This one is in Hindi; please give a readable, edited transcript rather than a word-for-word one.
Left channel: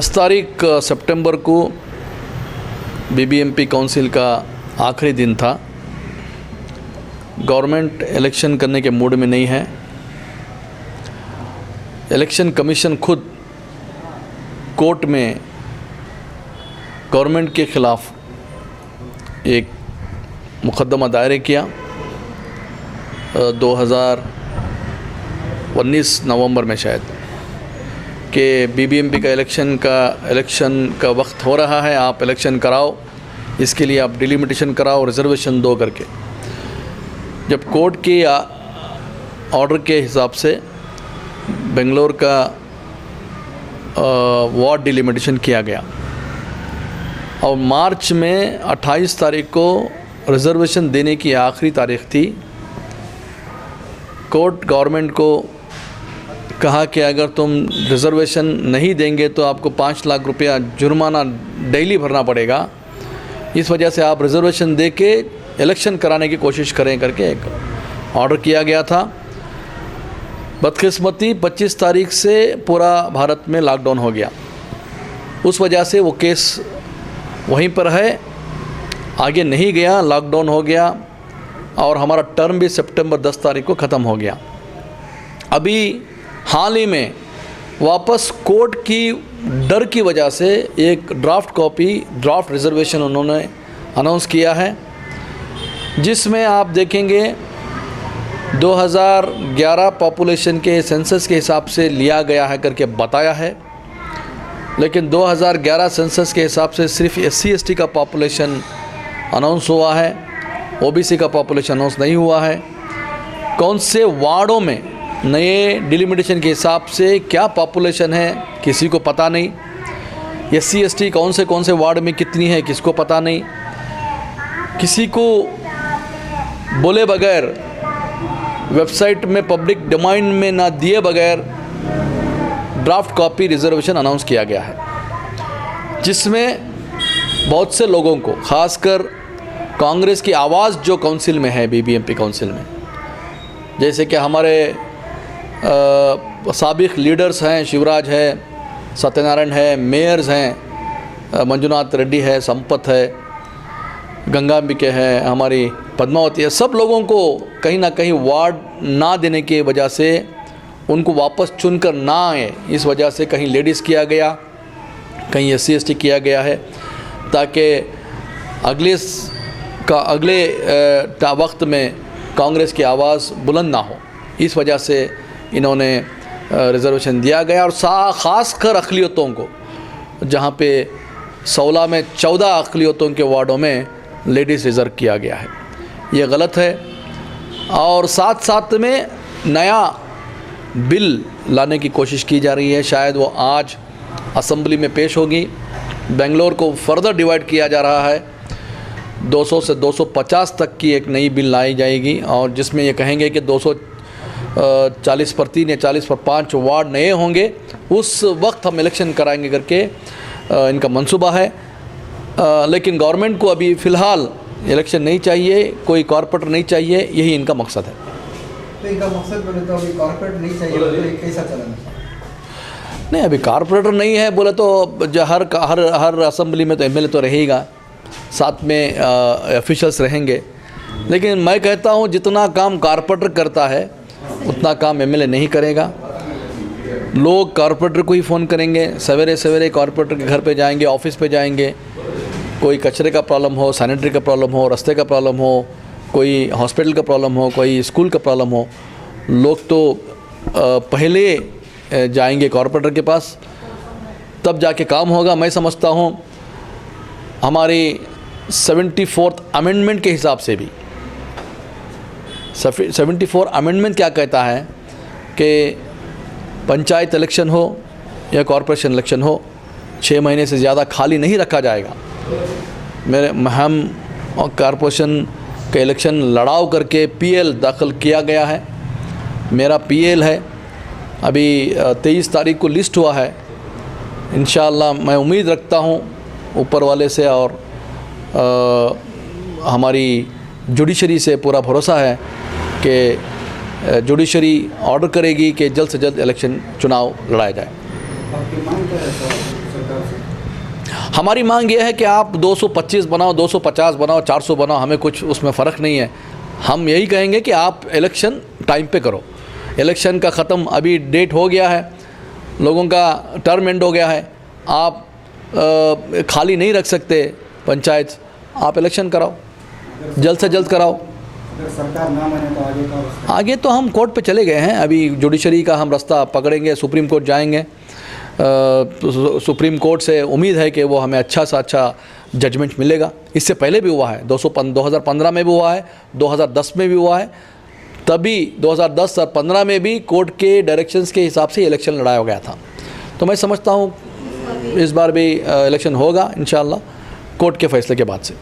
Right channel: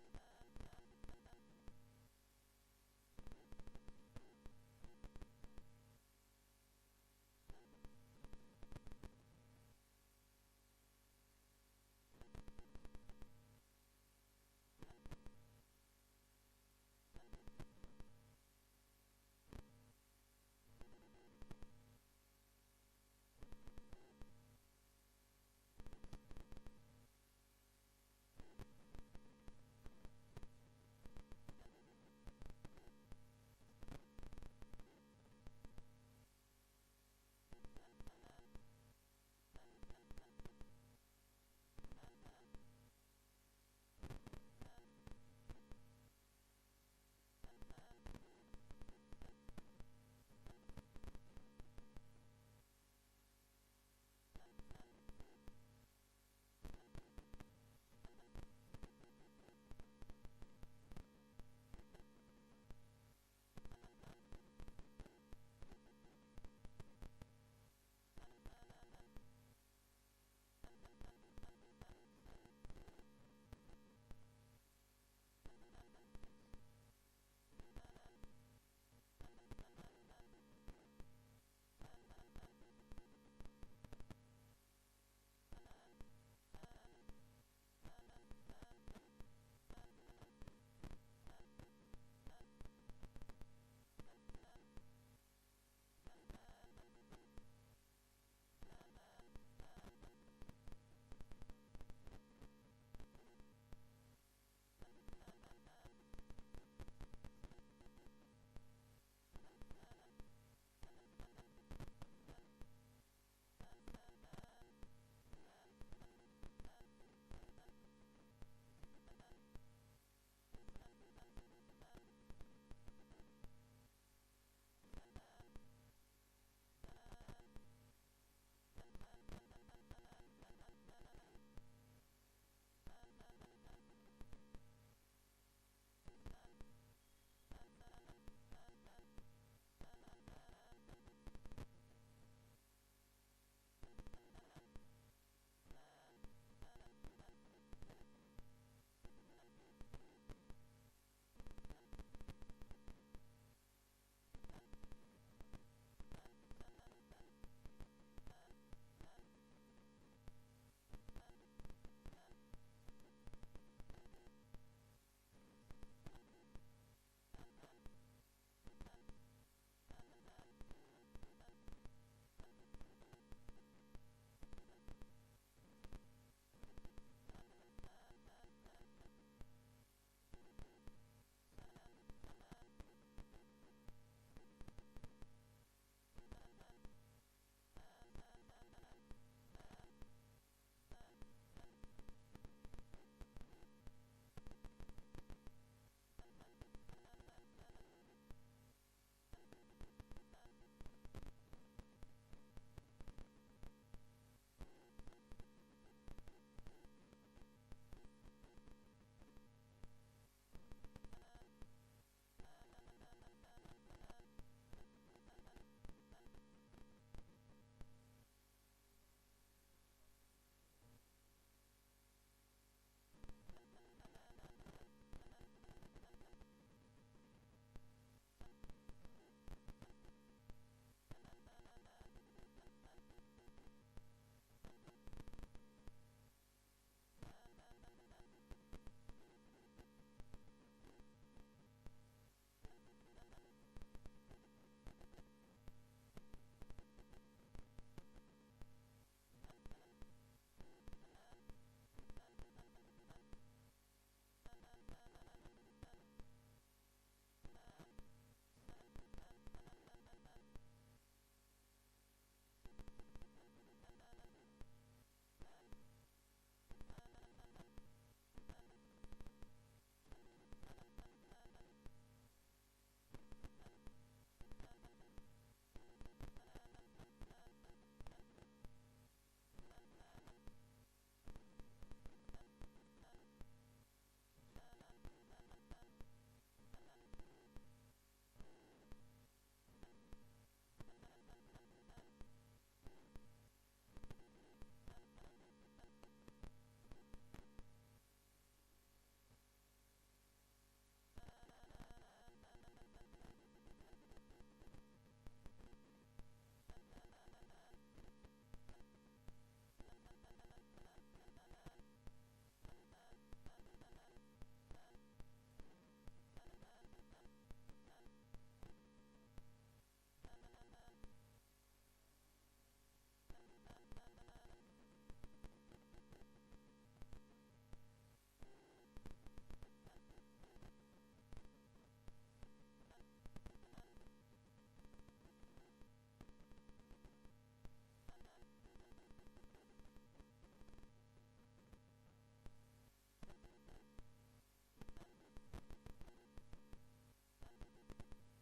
10 तारीख सितंबर को बीबीएमपी काउंसिल का आखिरी दिन था। गवर्नमेंट इलेक्शन करने के मूड में नहीं है। इलेक्शन कमीशन खुद कोर्ट में गवर्नमेंट के ख़िलाफ़ एक मुकदमा दायर किया 2019 नवंबर में शायद, कि बीबीएमपी का इलेक्शन का वक्त हो रहा है, आप इलेक्शन कराओ, इसके लिए आप डिलिमिटेशन कराओ, रिजर्वेशन दो करके। जब कोर्ट के ऑर्डर के हिसाब से बेंगलोर का वार्ड डिलिमिटेशन किया गया और मार्च में 28 तारीख को रिजर्वेशन देने की आखिरी तारीख थी। कोर्ट गवर्नमेंट को कहा कि अगर तुम रिजर्वेशन नहीं देंगे तो आपको 5 लाख रुपया जुर्माना डेली भरना पड़ेगा, इस वजह से आप रिजर्वेशन दे के इलेक्शन कराने की कोशिश करें करके एक ऑर्डर किया गया था। बदकिस्मती 25 तारीख से पूरा भारत में लॉकडाउन हो गया, उस वजह से वो केस वहीं पर है, आगे नहीं गया, लॉकडाउन हो गया और हमारा टर्म भी सितंबर 10 तारीख को ख़त्म हो गया। अभी हाल ही में वापस कोर्ट की डर की वजह से एक ड्राफ्ट रिजर्वेशन उन्होंने अनाउंस किया है, जिसमें आप देखेंगे 2011 पॉपुलेशन के सेंसस के हिसाब से लिया गया है करके बताया है, लेकिन 2011 सेंसस के हिसाब से सिर्फ SC/ST का पॉपुलेशन अनाउंस हुआ है, OBC का पॉपुलेशन अनाउंस नहीं हुआ है। कौन से वार्डों में नए डिलिमिटेशन के हिसाब से क्या पॉपुलेशन है किसी को पता नहीं। SC/ST कौन से वार्ड में कितनी है किसको पता नहीं। किसी को बोले बगैर, वेबसाइट में पब्लिक डोमेन में ना दिए बगैर ड्राफ्ट कॉपी रिजर्वेशन अनाउंस किया गया है, जिसमें बहुत से लोगों को, खासकर कांग्रेस की आवाज़ जो काउंसिल में है, बीबीएमपी काउंसिल में, जैसे कि हमारे साबिक लीडर्स हैं, शिवराज है, सत्यनारायण है, मेयर्स हैं, मंजुनाथ रेड्डी है, संपत है, गंगांबिके है, हमारी पद्मावती है, सब लोगों को कहीं ना कहीं वार्ड ना देने की वजह से उनको वापस चुनकर ना आए, इस वजह से कहीं लेडीज़ किया गया, कहीं SC/ST किया गया है, ताकि अगले वक्त में कांग्रेस की आवाज़ बुलंद ना हो। इस वजह से इन्होंने रिजर्वेशन दिया गया और ख़ासकर अक़लियतों को, जहाँ पे 16 में 14 अक़लियतों के वार्डों में लेडीज़ रिज़र्व किया गया है, ये गलत है। और साथ साथ में नया बिल लाने की कोशिश की जा रही है, शायद वो आज असेंबली में पेश होगी। बेंगलोर को फर्दर डिवाइड किया जा रहा है, 200 से 250 तक की एक नई बिल लाई जाएगी, और जिसमें ये कहेंगे कि 240 पर 3 या 40 पर 5 वार्ड नए होंगे, उस वक्त हम इलेक्शन कराएंगे करके इनका मंसूबा है। लेकिन गवर्नमेंट को अभी फ़िलहाल इलेक्शन नहीं चाहिए, कोई कॉर्पोरेटर नहीं चाहिए, यही इनका मकसद है। तो इनका मकसद बोले तो अभी कॉर्पोरेट नहीं चाहिए, तो ये कैसा चलन है? नहीं, अभी कॉर्पोरेटर नहीं है बोले तो जो हर असेंबली में तो MLA तो रहेगा, साथ में ऑफिशियल्स रहेंगे, लेकिन मैं कहता हूँ जितना काम कॉर्पोरेटर करता है उतना काम MLA नहीं करेगा। लोग कॉर्पोरेटर को ही फ़ोन करेंगे, सवेरे सवेरे कॉर्पोरेटर के घर पे जाएंगे, ऑफिस पे जाएंगे, कोई कचरे का प्रॉब्लम हो, सैनिटरी का प्रॉब्लम हो, रास्ते का प्रॉब्लम हो, कोई हॉस्पिटल का प्रॉब्लम हो, कोई स्कूल का प्रॉब्लम हो, लोग तो पहले जाएंगे कॉर्पोरेटर के पास, तब जाके काम होगा। मैं समझता हूँ हमारी 74th अमेंडमेंट के हिसाब से भी 74 अमेंडमेंट क्या कहता है कि पंचायत इलेक्शन हो या कॉरपोरेशन इलेक्शन हो, 6 महीने से ज़्यादा खाली नहीं रखा जाएगा। हम कॉरपोरेशन का इलेक्शन लड़ाव करके PL दाखिल किया गया है, मेरा PL है, अभी 23 तारीख को लिस्ट हुआ है। इंशाअल्लाह मैं उम्मीद रखता हूँ ऊपर वाले से और हमारी जुडिशरी से पूरा भरोसा है कि जुडिशरी ऑर्डर करेगी कि जल्द से जल्द इलेक्शन चुनाव लड़ाया जाए। आपकी मांग क्या है सरकार हमारी मांग ये है कि आप 225 बनाओ, 250 बनाओ, 400 बनाओ, हमें कुछ उसमें फ़र्क नहीं है। हम यही कहेंगे कि आप इलेक्शन टाइम पे करो। इलेक्शन का ख़त्म अभी डेट हो गया है, लोगों का टर्म एंड हो गया है, आप खाली नहीं रख सकते पंचायत, आप इलेक्शन कराओ, जल्द से जल्द कराओ। अगर सरकार ना माने तो आगे का रास्ता? आगे तो हम कोर्ट पे चले गए हैं, अभी जुडिशरी का हम रास्ता पकड़ेंगे, सुप्रीम कोर्ट जाएंगे। सुप्रीम कोर्ट से उम्मीद है कि वो हमें अच्छा सा अच्छा जजमेंट मिलेगा। इससे पहले भी हुआ है, 2015 में भी हुआ है, 2010 में भी हुआ है, तभी 2010 और 15 में भी कोर्ट के डायरेक्शंस के हिसाब से इलेक्शन लड़ाया गया था। तो मैं समझता हूँ इस बार भी इलेक्शन होगा इंशाअल्लाह कोर्ट के फैसले के बाद से।